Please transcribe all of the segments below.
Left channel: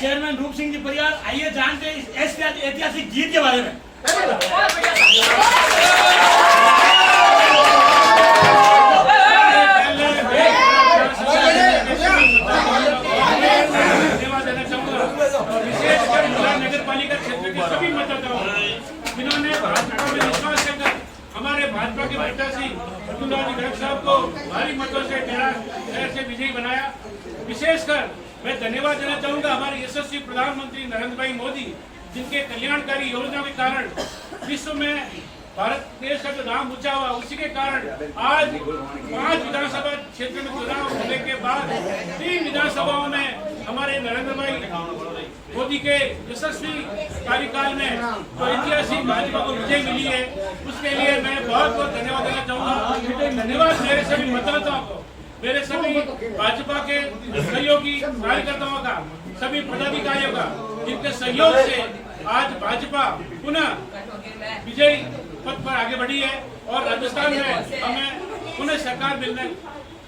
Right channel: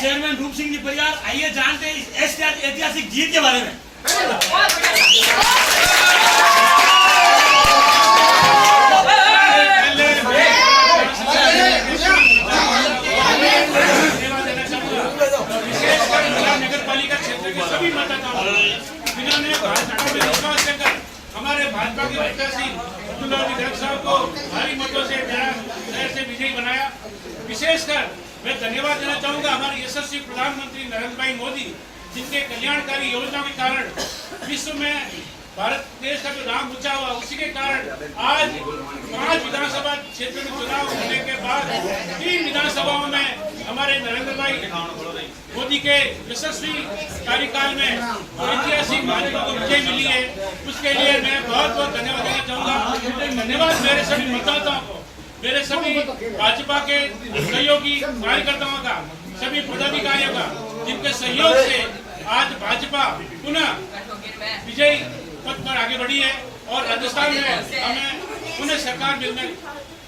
Chairman रूप सिंह जी परियार, आइए जानते हैं इस ऐतिहासिक जीत के बारे में। नगर पालिका क्षेत्र के सभी मतदाताओं जिन्होंने विश्वास कर हमारे भाजपा के प्रत्याशी अब्दुल्ला गर्ग साहब को भारी मतों से शहर से विजयी बनाया। विशेषकर मैं धन्यवाद देना चाहूंगा हमारे यशस्वी प्रधानमंत्री नरेंद्र भाई मोदी, जिनके कल्याणकारी योजनाओं के कारण विश्व में भारत देश का जो नाम ऊंचा हुआ, उसी के कारण आज 5 विधानसभा क्षेत्र में चुनाव होने के बाद 3 विधानसभाओं में हमारे नरेंद्र भाई मोदी के यशस्वी कार्यकाल में जो ऐतिहासिक भाजपा को विजय मिली है, उसके लिए मैं बहुत बहुत धन्यवाद देना चाहूंगा। धन्यवाद मेरे सभी मतदाताओं को, मेरे सभी भाजपा के सहयोगी कार्यकर्ताओं का, सभी पदाधिकारियों का, जिनके सहयोग से आज भाजपा पुनः विजयी पथ पर आगे बढ़ी है और राजस्थान में हमें पुनः सरकार मिलने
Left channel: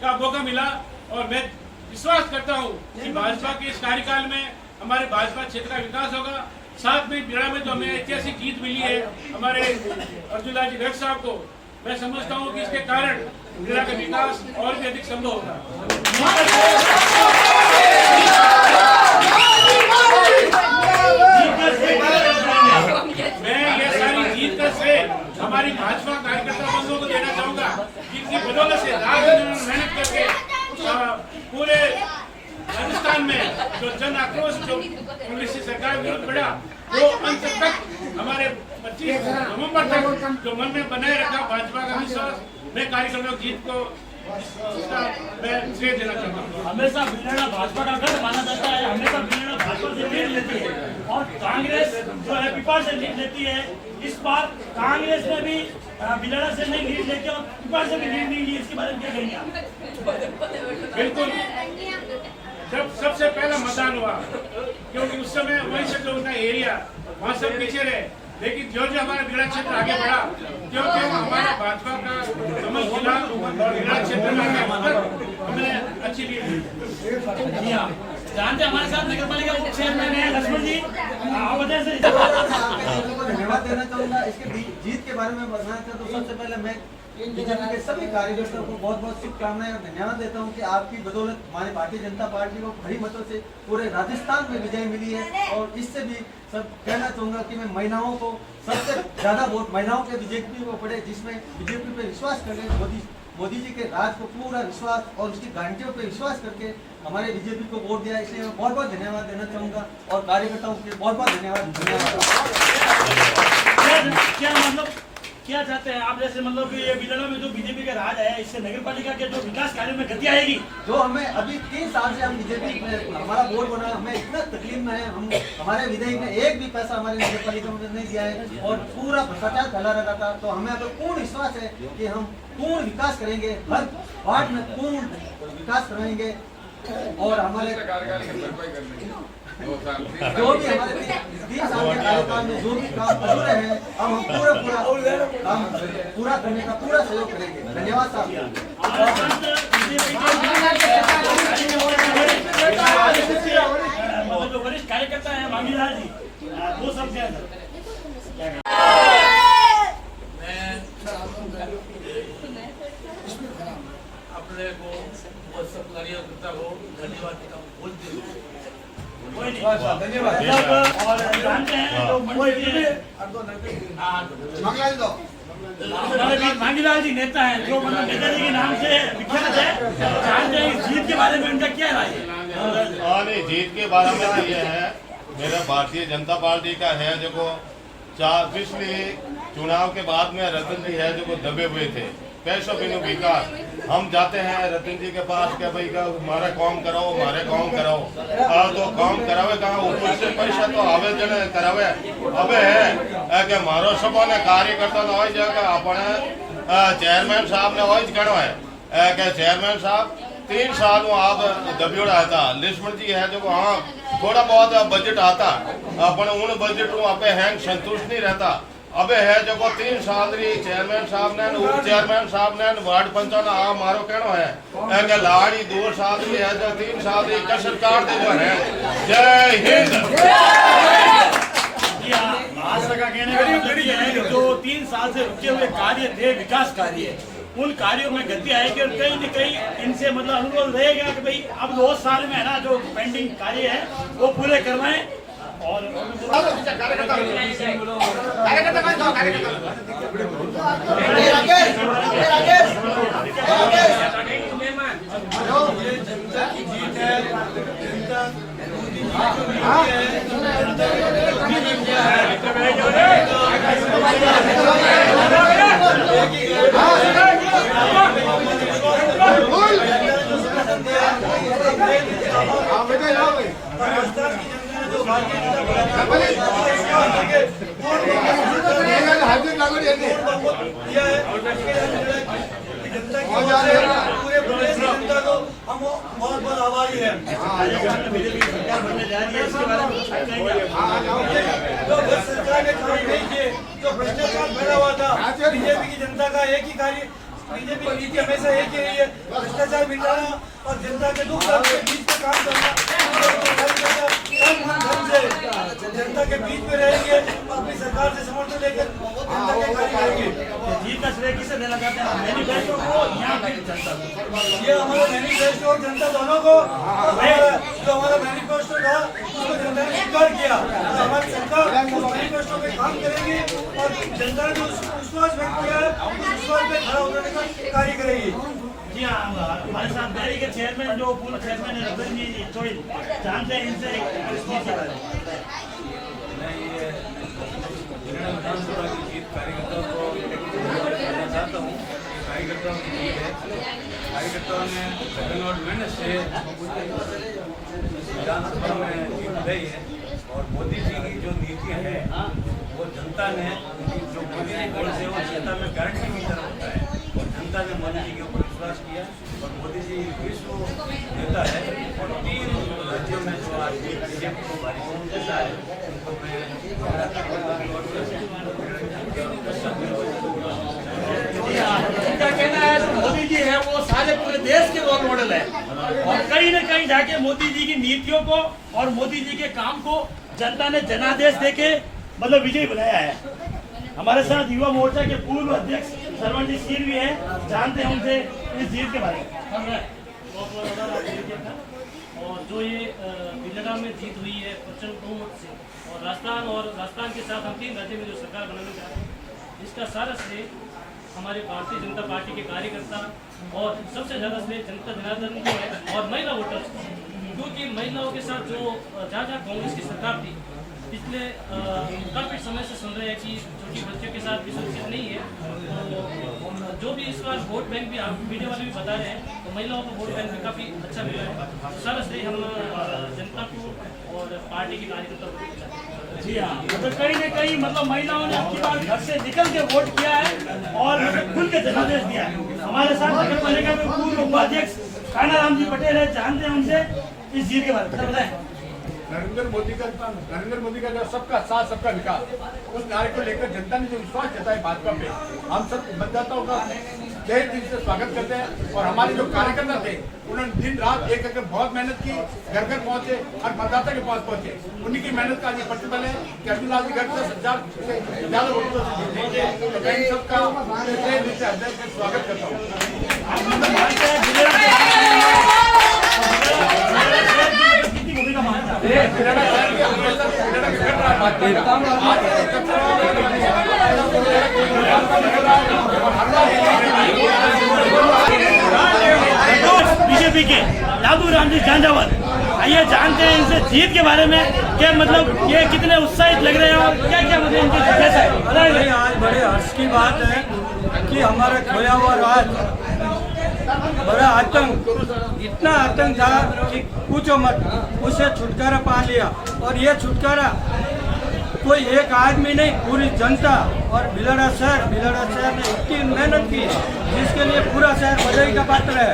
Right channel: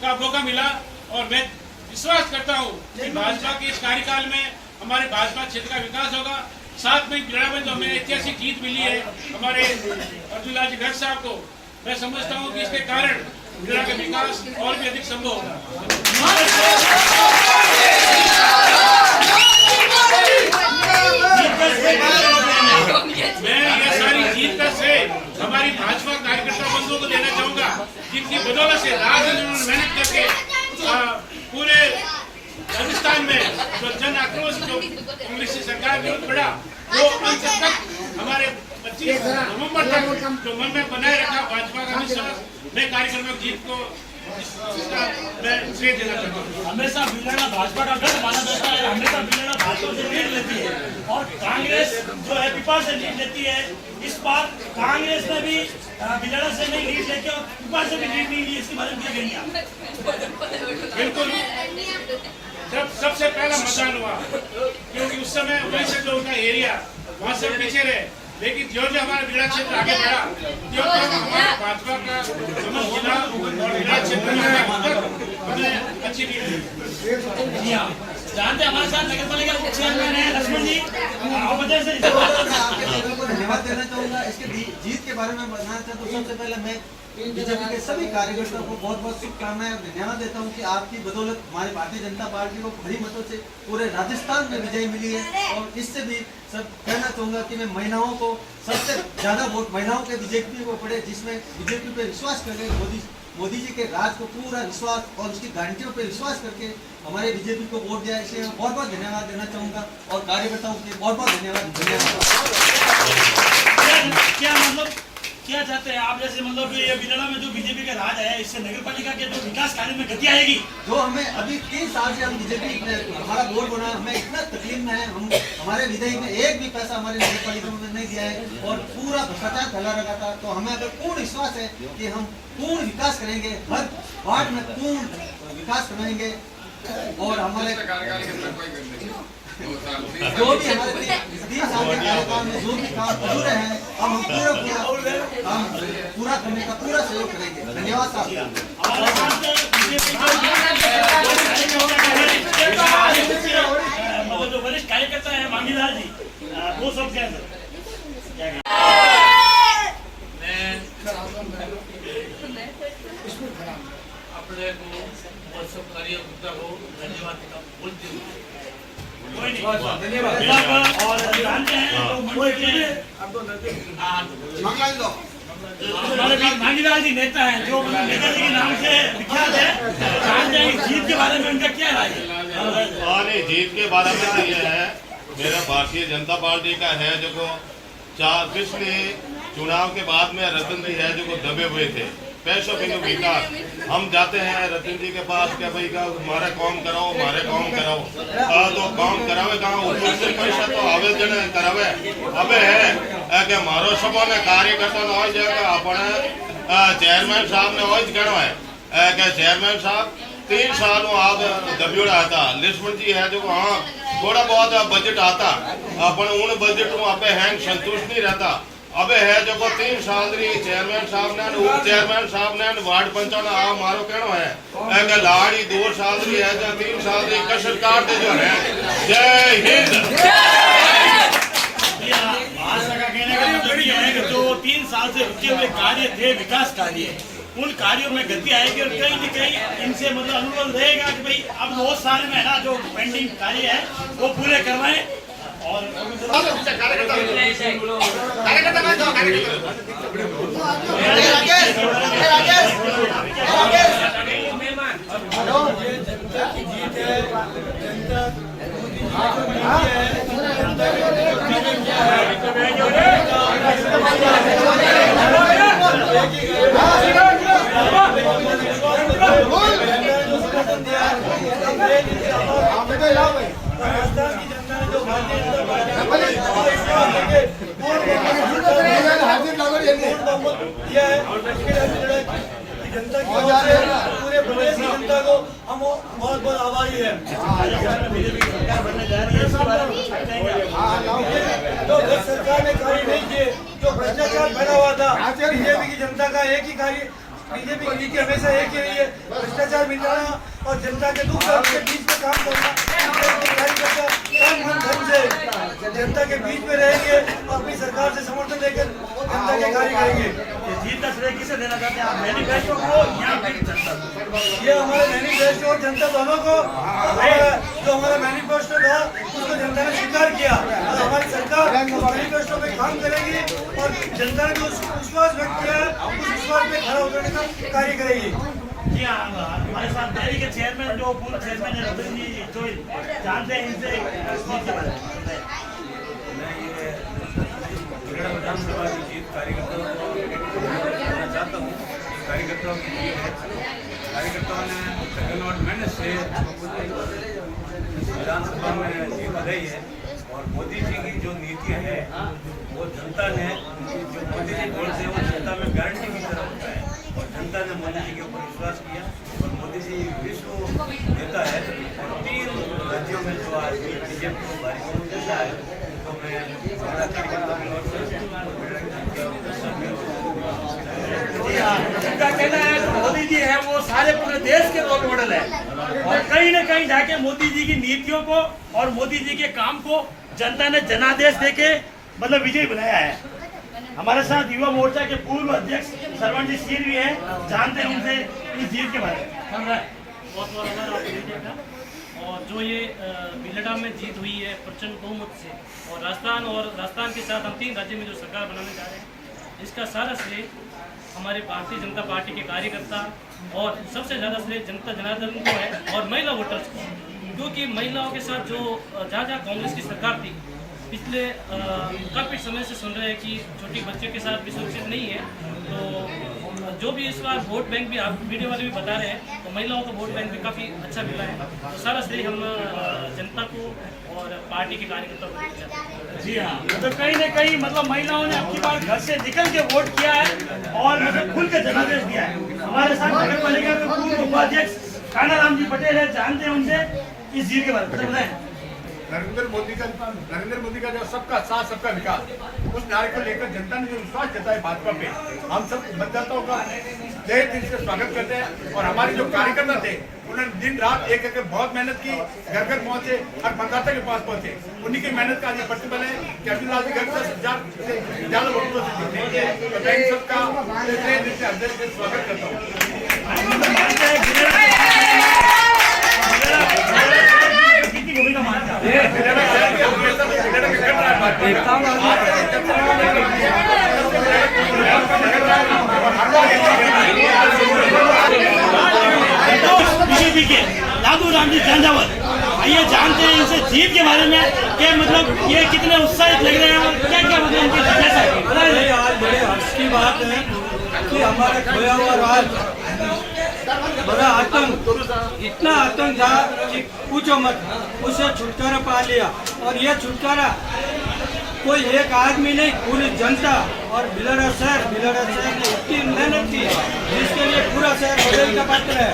का मौका मिला। और मैं विश्वास करता हूं कि भाजपा के इस कार्यकाल में हमारे भाजपा क्षेत्र का विकास होगा। साथ में बिलाड़ा में जो हमें ऐतिहासिक जीत मिली है हमारे अब्दुल्ला गर्ग साहब को, मैं समझता हूं कि इसके कारण बिलाड़ा का विकास और भी अधिक संभव होगा। मैं ये सारी जीत का श्रेय हमारी भाजपा कार्यकर्ता बंधुओं को देना चाहूंगा, जिनकी बदौलत से रात दिन उन्होंने मेहनत करके पूरे राजस्थान में जो जन आक्रोश जो कांग्रेस सरकार विरुद्ध बढ़ा, वो अंत तक हमारे 25 नवंबर तक जो मन में बनाए रखा भाजपा का विश्वास, मैं कार्यकर्ताओं की जीत को मैं श्रेय देना चाहता हूँ। हमेशा बिलाड़ा भाजपा का गढ़ माना जाता है, हमेशा बिलाड़ा भाजपा से लीड लेती है और कांग्रेस जो है पिपा से लीड लेती है। इस बार कांग्रेस ने भी बिलाड़ा से नहीं लीड लेके और पिपा से भी लीड नहीं ली, इसके बारे में क्या कहेंगे आप? बिल्कुल, जब सबसे पहला मतदान हुआ, क्योंकि उस समय वहीं से जो उनका एरिया वहाँ सब पीछे रहे, लेकिन जो हमारा बिलाड़ा क्षेत्र आगे बढ़ा, जो हमारा भाजपा का समस्त जिला और बिलाड़ा क्षेत्र में हमें अच्छी लीड मिली। जानते हमारे साथ नगर पालिका उप चेयरमैन है लक्ष्मण जी, धन्यवाद देना चाहूँगा। इसके जीत के बारे में बताना चाहता हूँ। सबसे पहले मैं बीजेपी के सभी कार्यकर्ताओं को बहुत बहुत शुभकामनाएं और धन्यवाद देता हूँ कि आपकी बदौलत हमारी भारतीय जनता पार्टी को बड़ी मतों से पूरे राजस्थान में विजय मिली है। और इससे भी सब कहना चाहूँगा कि मैं महिलाओं को सबसे ज़्यादा वोट महिलाओं के बीजेपी को पड़े, जिसमें बीजेपी पे विश्वास करके मोदी जी के राज को पूरा विश्वास और उसकी गारंटियों पे विश्वास करके हमारे बीजेपी को वोट दिया, इसलिए मैं बहुत बहुत धन्यवाद देना चाहूँगा और कार्यकर्ताओं के बहुत बहुत धन्यवाद। क्या मतलब क्या चाहते हैं आप, जैसे मतलब कि ये बिलाड़ा में जो बीजेपी का राज है, इससे नगर पालिका के जो विकास कार्य में गति आएगी? जो हमें अभी 3 साल से हम बीजेपी हमारा वोट बना है, हमें इतना तकलीफ में है, हम हमारे विधायक ने एक भी पैसा हमारे नगर पालिका में नहीं दिया है और पूरा भ्रष्टाचार फैला रखा था। तो हमें अगर पूर्ण विश्वास है कि हम पूर्ण विकास करेंगे, हर वार्ड में पूर्ण विकास करेंगे और हमारे जो भी हमारे 3 साल के कार्यकाल में जो भी काम अधूरे हैं, अब हम पूरा काम पूरा करने का पूरा सहयोग करेंगे। धन्यवाद साहब। मतलब जो वरिष्ठ कार्यकर्ता है मांगीलाल जी, वो सब क्या है? अपने को और सब कार्यकर्ता को धन्यवाद देता हूँ। बोलते हुए और जानते हैं तो हमारे बीच मांगीलाल जी नेता हैं, जो मतलब नेताजी के नाम से विख्यात है। जानते हैं इस जीत के बारे में उनका क्या राय है? जीत के बारे में ये है, मेरा भारतीय जनता पार्टी का है, जो पिछले चुनाव के बाद में रतन जी है जो दबे हुए थे पैसों के विकास। हम जाते हैं रतन जी के पास क्या भाई का हमारा काम कराओ, हमारे काम कराओ, तो काम करावे कहाँ, ऊपर से पैसा तो आवेदन करावे अबे है कि मारो सबों ने कार्यकर्ता ना हो जाएगा अपने चेयरमैन साहब ने वही गणो है कि चेयरमैन साहब 3 साल आप दबियोड़ा था। लक्ष्मण जी है जो हाँ थोड़ा बहुत बजट आता अपन उन बजट पे हैं संतुष्ट नहीं रहता, अब है जो को 3 साल री चेयरमैन साहब ने उप चेयरमैन साहब ने वार्ड पंचों ने आ मारो कहनो है एक लाड़ी 2 साल री है जो 3 साल री का सरकार दे जो है। जय हिंद। भाजपा का कहने का मतलब ये है कि जो 3 साल से रुके हुए कार्य थे, विकास कार्य, उन कार्यों में गति आएगी और कहीं न कहीं इनसे मतलब अनुरोध रहेगा कि भाई अब 2 साल में ना जो पेंडिंग कार्य है वो पूरे करवाएं। और राजस्थान की जनता ने जो भारतीय जनता पार्टी दिया है, जनता की ओर से पूरे प्रदेश की जनता को हम बहुत बहुत आभारी है। बीजेपी सरकार बनने जा रही है, इसके बारे में जो गत सरकार ने कार्य नहीं किए, जो भ्रष्टाचार फैला हुआ था, बीजेपी की जनता का एक ही कार्य, बीजेपी की नीति हमेशा एक ही रही है, भ्रष्टाचार मिटाना और जनता के दुख दर्द के बीच में काम करना। जनता के बीच में रहेंगे, अपनी सरकार से समर्थन लेकर जनता के कार्य करेंगे। जीत का श्रेय किसे देना चाहते हैं आप, मैनिफेस्टो को या फिर जनता को? ये हमारे मैनिफेस्टो और जनता दोनों को, जो हमारा मैनिफेस्टो था उसको जनता ने स्वीकार किया और हमारी सरकार उस मैनिफेस्टो पे काम करेगी और जनता ने जो विश्वास व्यक्त किया है उस विश्वास पे खड़ा उतरने का कार्य करेगी। जी हाँ, हमारे साथ डेयरी के चेयरमैन जो पूर्व चेयरमैन है रतन जी चोइल, जानते हैं इनसे जीत के बारे में। मैं ये विधानसभा की जीत कार्यकर्ताओं को करना चाहता हूँ। कार्यकर्ताओं की जीत है, कार्यकर्ताओं ने सेकंड और मेहनत से विधानसभा में जीत रही है और मोदी जी की जो नीति है वो जनता ने, जो मोदी जी बोलते हैं वो जनता में गारंटी की तरह होता है और जनता ने मोदी जी के ऊपर विश्वास किया और मोदी जी विश्व नेता है और 3 राज्यों में जो आज बीजेपी को भारी बहुमत देता है तो मैं उनका कहना है कि मोदी जी है वो सारे पूरे देश के रोल मॉडल है और कहीं न कहीं जाके मोदी जी की नीतियों को और मोदी जी के काम को जनता ने जनादेश देके मतलब विजयी बनाया है। हमारे साथ युवा मोर्चा के पूर्व अध्यक्ष सरवण सिंह भी हैं, जानते हैं उनसे इस जीत के बारे में। बहुत और जो ये बिलडा में जीत हुई है प्रचंड बहुमत से और राजस्थान के साथ हम 3 राज्यों में जो सरकार बनाने जा रहे हैं, इसका सारा श्रेय हमारे भारतीय जनता पार्टी के कार्यकर्ता और सबसे ज़्यादा श्रेय जनता जनार्दन को है और महिला वोटर्स को, क्योंकि महिलाओं के साथ जो जहाँ कांग्रेस की सरकार थी पिछले काफ़ी समय से सुन रहे हैं कि छोटी बच्चियों के साथ भी सुरक्षित नहीं है, तो जो भी इस बार वोट बैंक भी आप मीडिया वाले भी बता रहे हैं तो महिलाओं को वोट बैंक भी काफ़ी अच्छा मिला है। तो सारा श्रेय हम जनता को और पार्टी के कार्यकर्ताओं को देना चाहते हैं। जी हाँ, मतलब कहीं न कहीं मतलब महिलाओं ने अपनी बार घर से निकल के वोट किया है और मतलब खुल के जनादेश दिया है। हमारे साथ नगर पालिका के पूर्व उपाध्यक्ष कानाराम जी पटेल है, जानते हैं उनसे इस जीत के बारे में बताएं। नरेंद्र मोदी का जो सबका साथ सबका विकास, उस नारे को लेकर जनता ने जो विश्वास जताया भाजपा पे, हम सब मतदाताओं का तहे दिल से स्वागत करते हैं। और हमारे जो कार्यकर्ता थे उन्होंने दिन रात एक करके बहुत मेहनत की, घर घर पहुंचे और मतदाता के पास पहुंचे। उन्हीं की मेहनत का आज प्रतिफल है कि अर्जुन लाल जी घर 10,000 से ज्यादा वोटों से जीते। तो मैं इन सबका तहे दिल से हृदय से स्वागत करता हूँ। भूमिका मानते हैं बीजेपी के लालू राम जी झंझावत, आइए जानते हैं इनसे जीत के बारे में कि मतलब ये कितने उत्साहित लग रहे हैं और क्या क्या मतलब इनकी जैसा आज बड़े हर्ष की बात है कि हमारा खोया हुआ राज, बड़ा आतंक, इतना आतंक था कि पूछो मत, उसे छुटकारा पा लिया। और ये छुटकारा कोई एक आदमी नहीं, पूरी जनता और भिलड़ा शहर ने इतनी मेहनत की जिसके लिए पूरा शहर बधाई का पात्र है।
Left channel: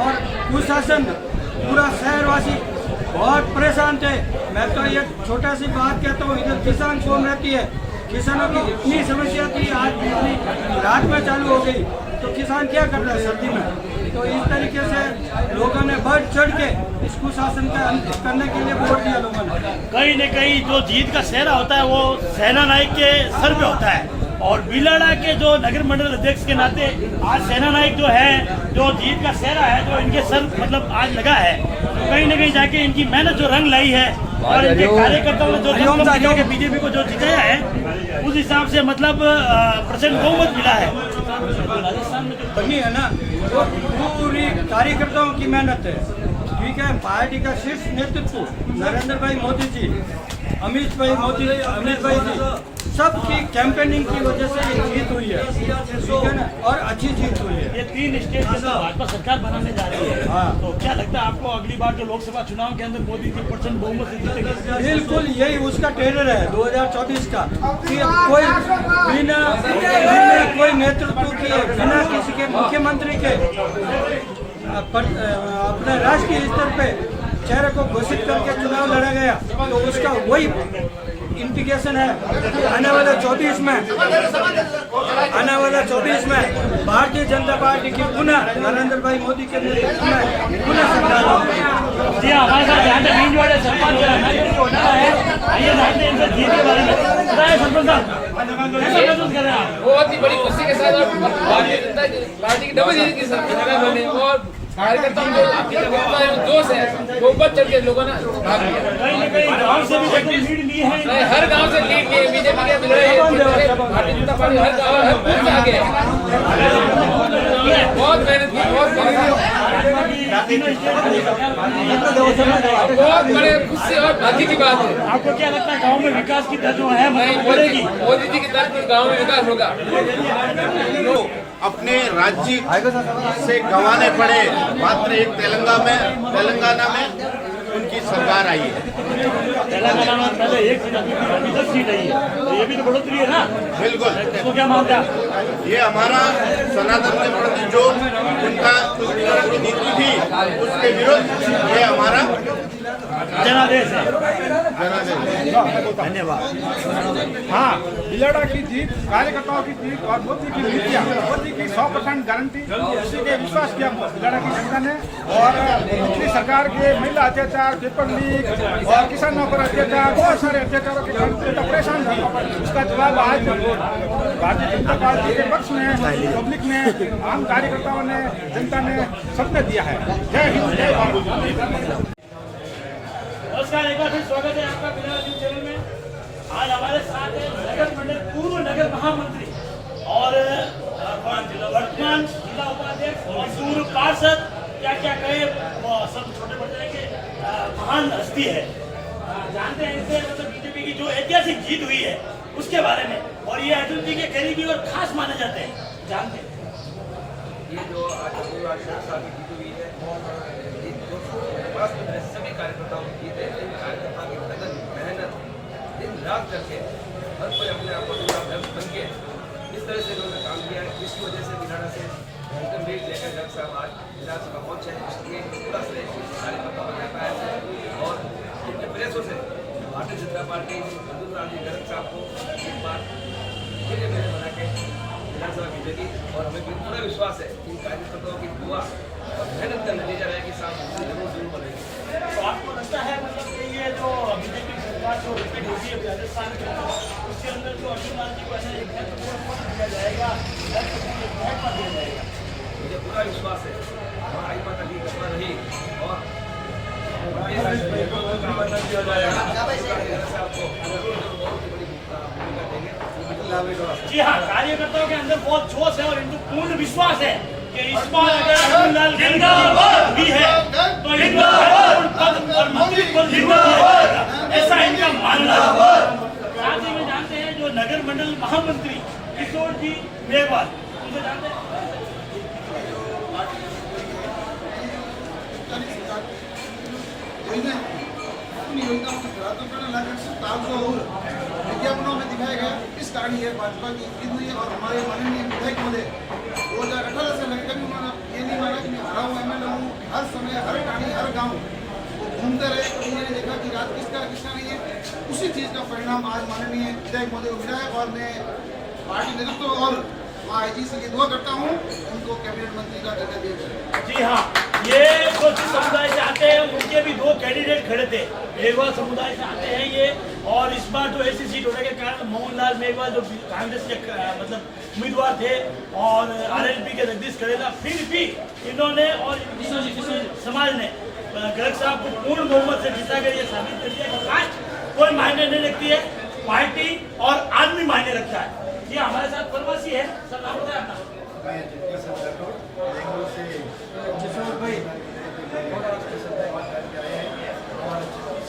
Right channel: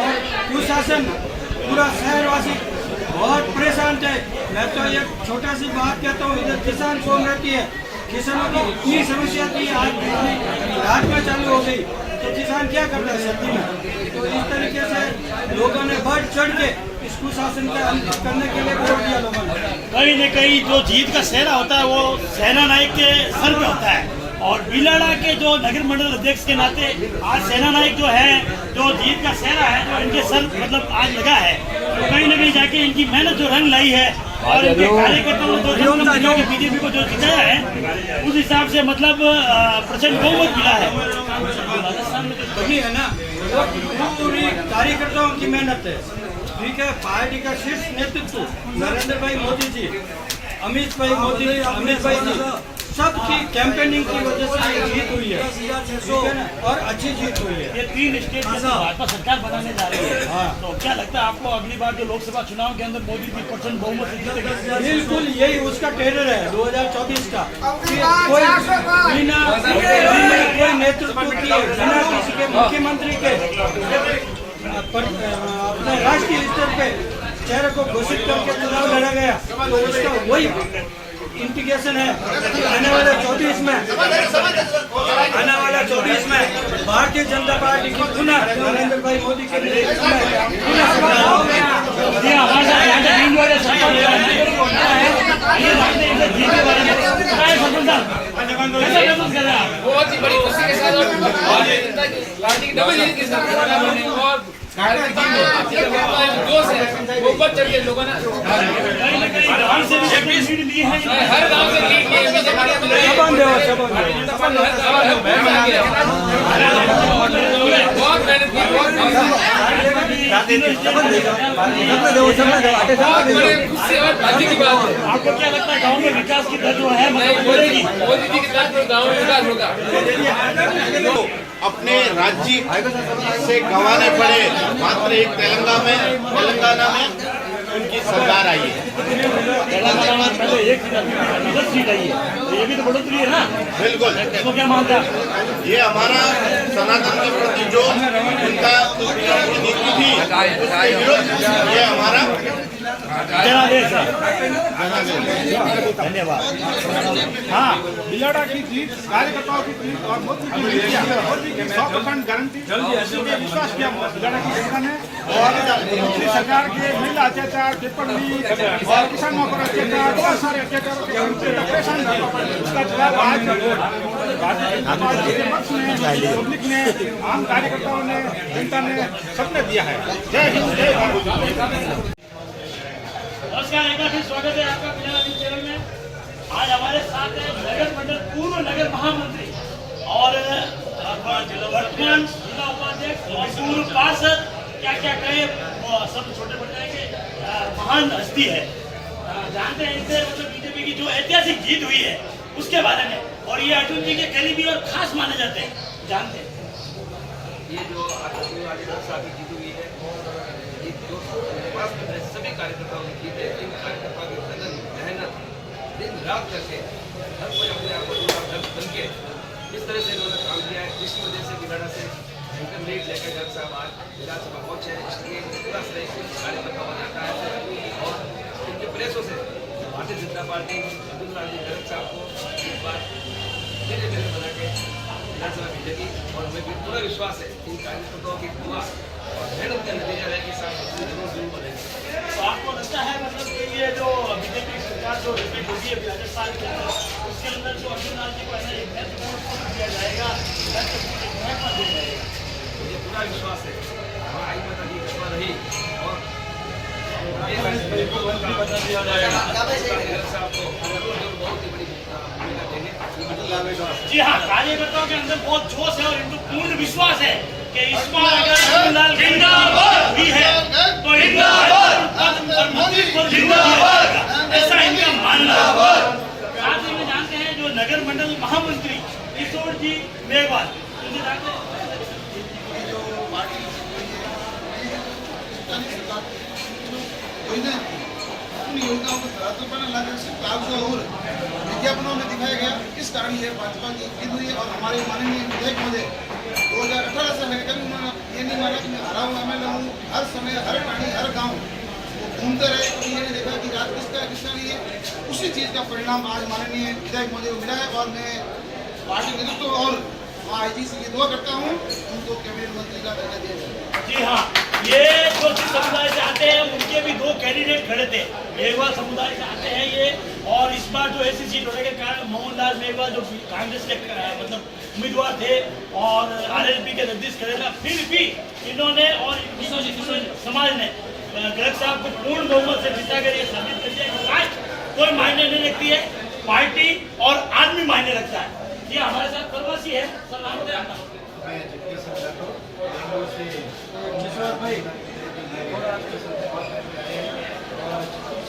और कुशासन पूरा शहरवासी बहुत परेशान थे। मैं तो ये छोटा सी बात कहता हूँ, इधर किसान कौम रहती है, किसानों की इतनी समस्या थी, आज बिजली रात में चालू हो गई तो किसान क्या कर रहे हैं सर्दी में। तो इस तरीके से लोगों ने बढ़ चढ़ के इस कुशासन का अंत करने के लिए वोट दिया लोगों ने। कहीं न कहीं जो जीत का सेहरा होता है वो सेना नायक के सर पे होता है, और बिलाड़ा के जो नगर मंडल अध्यक्ष के नाते आज सेना नायक जो है, जो जीत का सेहरा है, जो इनके सर मतलब आज लगा है, तो कहीं न कहीं जाके इनकी मेहनत जो रंग लाई है और इनके कार्यकर्ताओं ने जो कम दिखा के बीजेपी को जो जिताया है, उस हिसाब से मतलब प्रचंड बहुमत मिला है। राजस्थान में जो वही है ना, वो पूरी कार्यकर्ताओं की मेहनत है। ठीक है, पार्टी का शीर्ष नेतृत्व नरेंद्र भाई मोदी जी, अमित भाई जी, सबकी कैंपेनिंग की वजह से ये जीत हुई है। ठीक है ना, और अच्छी जीत हुई है। ये 3 स्टेट में भाजपा सरकार बनाने जा रही है। हाँ। तो क्या लगता है आपको अगली बार जो लोकसभा चुनाव के अंदर मोदी जी % बहुमत से जीतेंगे? बिल्कुल यही उसका टेरर है 2024 का, कि कोई बिना कोई नेतृत्व के, बिना किसी के मुख्यमंत्री के अपने राष्ट्रीय स्तर पे चेहरे को घोषित करके चुनाव लड़ा गया, तो उसका वही इंडिकेशन है कि आने वाले 24 में भारतीय जनता पार्टी की पुनः नरेंद्र भाई मोदी के नेतृत्व में पुनः सरकार होगी। जी हमारे साथ यहाँ पे नींद वाले सरपंच है, आइए जानते हैं इनसे जीत के बारे में। बताइए सरपंच साहब, कैसा महसूस कर रहे हैं आप? बहुत ही बड़ी खुशी के साथ और भारतीय जनता पार्टी की डबल जीत के साथ और जोश है, वो बढ़ चढ़ के लोगों ने कहीं न कहीं गाँव से भी लीड ली है, हर गांव से लीड लिए बीजेपी भारतीय जनता पार्टी हर गाँव में आगे बहुत मेहनत की, बहुत बड़ी खुशी और भाग्य की बात है। आपको क्या लगता है गाँव में विकास की दर जो है मतलब बढ़ेगी? मोदी जी की तरफ से गाँव में विकास होगा। अपने राज्य से गंवाने पड़े, मात्र एक तेलंगाना में उनकी सरकार आई है। तेलंगाना में पहले 1 सीट आई है, तो ये भी तो बढ़ोतरी है ना? बिल्कुल, इसको क्या मानता है? ये हमारा सनातन के प्रति जो उनका की नीति थी उसके विरुद्ध ये हमारा जनादेश है। धन्यवाद। हाँ, बिलाड़ा की जीत, कार्यकर्ताओं की जीत और मोदी की नीतियाँ, मोदी की 100% गारंटी, इसी पे विश्वास किया बिलाड़ा की जनता ने। और पिछली सरकार के महिला अत्याचार, पेपर लीक और किसानों पर अत्याचार, बहुत सारे अत्याचारों के कारण जनता परेशान थी। उसका जवाब आज भारतीय जनता पार्टी के पक्ष में, पब्लिक ने, आम कार्यकर्ताओं ने, जनता ने, सबने दिया है। जय हिंद, जय भारत। नमस्कार, एक बार फिर स्वागत है आपका बिलाड़ा न्यूज़ चैनल में। आज हमारे साथ है नगर मंडल पूर्व नगर महामंत्री और वर्तमान जिला उपाध्यक्ष और पूर्व पार्षद, क्या क्या कहे वो सब छोटे बड़ जाएंगे, महान हस्ती है। जानते हैं इनसे मतलब बीजेपी की जो ऐतिहासिक जीत हुई है उसके बारे में, और ये अटल जी के करीबी और खास माने जाते हैं। जानते हैं ये जो आज साहब की जीत हुई है, ये जो सभी कार्यकर्ताओं की जीत है। इन कार्यकर्ताओं की लगन, मेहनत, दिन रात करके हर कोई अपने आप को जुड़ा घर बन के इस तरह से इन्होंने काम किया है, जिसकी वजह से बिलाड़ा से भयंकर लीड लेकर गर्ग साहब आज विधानसभा पहुंचे हैं। इसलिए पूरा श्रेय कार्यकर्ता हो जाता है और इनके प्रयासों से भारतीय जनता पार्टी अब्दुल राम जी गर्ग साहब को एक बार फिर मेले बना के विधानसभा भेजेगी। और हमें भी पूरा विश्वास है इन कार्यकर्ताओं की दुआ और मेहनत का नतीजा रहेगी, साथ जरूर बनेगी। तो आपको लगता है मतलब कि ये जो बीजेपी सरकार जो रिपीट होती है राजस्थान के अंदर, उसके अंदर जो अब्दुल जी को है ना एक महत्वपूर्ण पद दिया जाएगा, महत्व दिया जाएगा? मुझे पूरा विश्वास है और आई माता की कृपा रही और साहब को बहुत ही बड़ी भूमिका देंगे। जी हाँ, कार्यकर्ताओं के अंदर बहुत जोश है और इनको पूर्ण विश्वास है कि इस बार अगर अब्दुल जिंदाबाद भी है तो इनका पद और मंत्री पद दिया जाएगा, ऐसा इनका मानना है। साथ ही में जानते हैं जो नगर मंडल महामंत्री किशोर जी मेघवाल, उनको जानते हैं अपनी योजनाओं को धरातल पर लाकर सिर्फ कागजों और विज्ञापनों में दिखाया गया। इस कारण ये भाजपा की जीत हुई है। और हमारे माननीय विधायक महोदय 2018 से मैं कभी उन्होंने ये नहीं माना कि मैं हरा हूँ, एमएलए हूँ, हर समय, हर प्राणी, हर गाँव वो घूमते रहे, कभी ये नहीं देखा कि रात किसका किसका नहीं है। उसी चीज़ का परिणाम आज माननीय विधायक महोदय को मिला है और मैं पार्टी नेतृत्व और आईजी से ये दुआ करता हूँ उनको कैबिनेट मंत्री का दर्जा दिया जाए। जी हाँ, ये जो जिस समुदाय से आते हैं उनके भी 2 कैंडिडेट खड़े थे। मेघवाल समुदाय से आते हैं ये, और इस बार जो ऐसी सीट होने के कारण मोहनलाल मेघवाल जो कांग्रेस के मतलब उम्मीदवार थे और आरएलपी के जगदीश करेला, फिर भी इन्होंने और समाज ने गर्ग साहब को पूर्ण बहुमत से जिताकर ये साबित कर दिया कि कास्ट कोई मायने नहीं रखती है, पार्टी और आदमी मायने रखता है। ये हमारे साथ प्रवासी है, सर नाम बताए आपका? मैं जगदीश सिंह राठौर बेंगलुरु से किशोर भाई और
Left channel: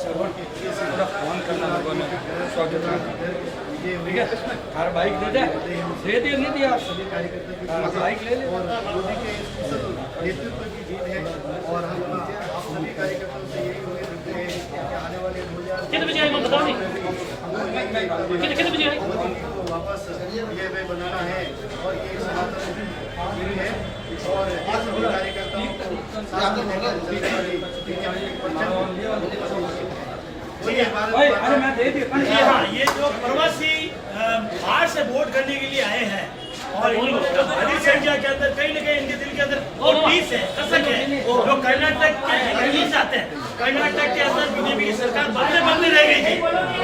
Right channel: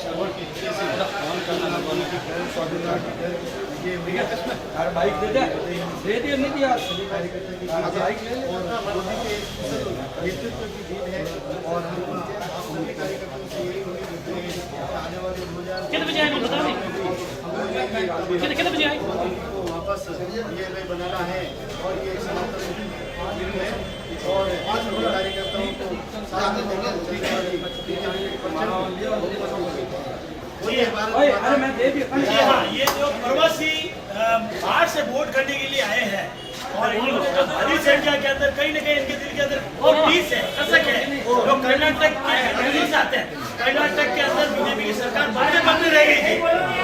शहर के हिस्से से फोन करना विजय हुई है। हर बाइक दे दे नहीं दिया सभी कार्यकर्ता की बाइक ले ले और मोदी के नेतृत्व की जीत है। और हम आप सभी कार्यकर्ताओं से यही उम्मीद रखते हैं कि आने वाले 2000 मोदी को वापस ये बनाना है और ये सनातन जीत है और सभी कार्यकर्ताओं को साथ में लेकर चलने वाली बीजेपी हाँ, ये जो प्रवासी बाहर से वोट करने के लिए आए हैं और इन्होंने जो भारी संख्या के अंदर कहीं न कहीं इनके दिल के अंदर वो टीस है, कसक है, जो कर्नाटक के दिल्ली से आते हैं। कर्नाटक के अंदर बीजेपी की सरकार बदले रह गई थी,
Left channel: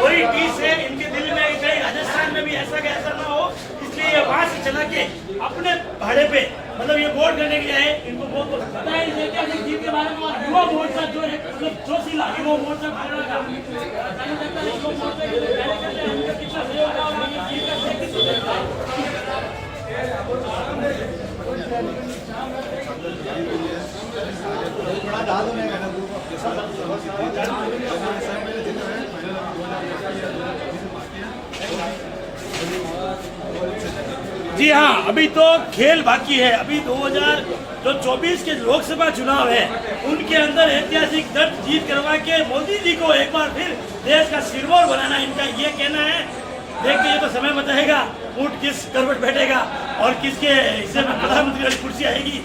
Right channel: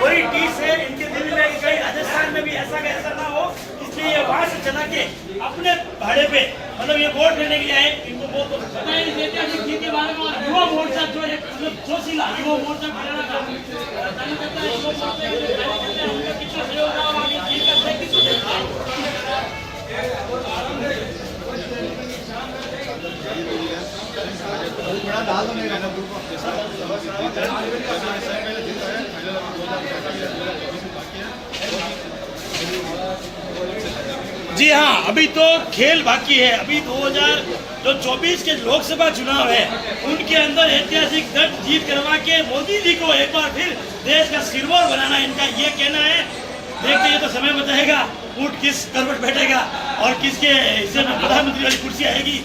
वही टीस है इनके दिल में, कहीं राजस्थान में भी ऐसा का ऐसा ना हो, इसलिए ये वहां से चला के अपने भाड़े पे मतलब ये वोट करने के लिए आए। इनको बहुत पता है इस ऐतिहासिक जीत के बारे में। और युवा मोर्चा जो है मतलब जोशीला युवा मोर्चा बनाना का युवा मोर्चा के कार्यकर्ता हैं, उनके पीछे सहयोग रहा होगा, ये जीत का श्रेय किसको देता है? जी हाँ, अभी तो खेल बाकी है। अभी 2024 के लोकसभा चुनाव है, उनके अंदर ऐतिहासिक जीत करवा के मोदी जी को एक बार फिर देश का सिरमौर बनाना इनका ये कहना है। देखते ये तो समय बताएगा ऊंट किस करवट बैठेगा और किसके हिस्से में प्रधानमंत्री वाली कुर्सी आएगी।